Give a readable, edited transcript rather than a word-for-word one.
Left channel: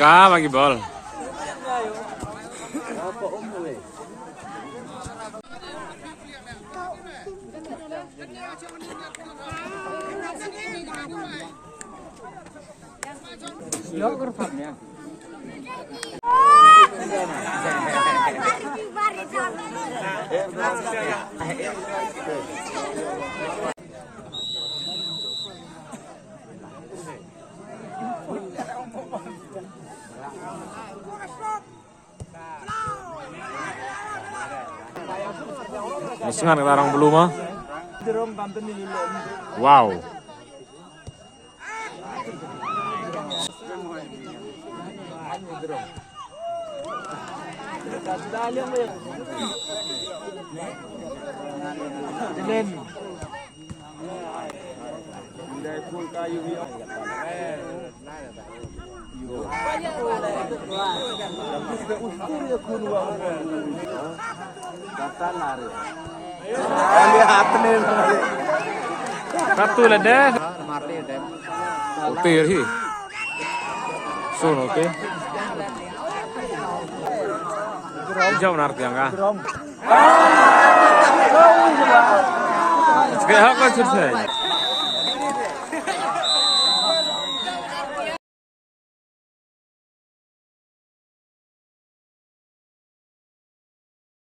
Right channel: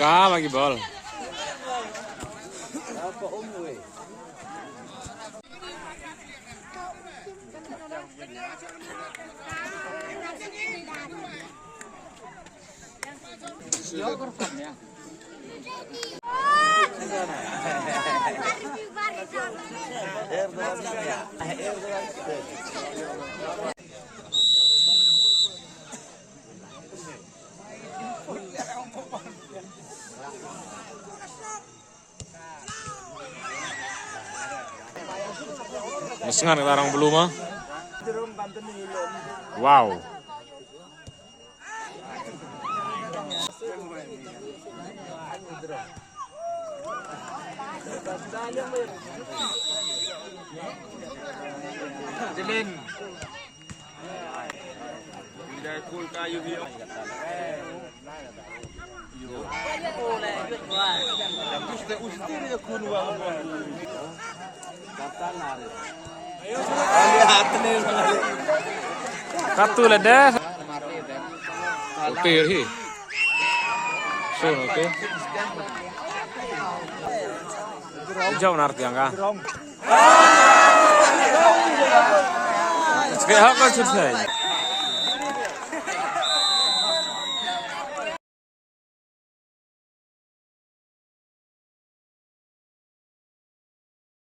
Kah lagi bol. Mesengan larang belum mah? Wow. Jelin. Tidak cool kayu hiu. Satu lah dah. Oke sih. Sun oke. Jauh narik jangka. Sekarang kan selesai.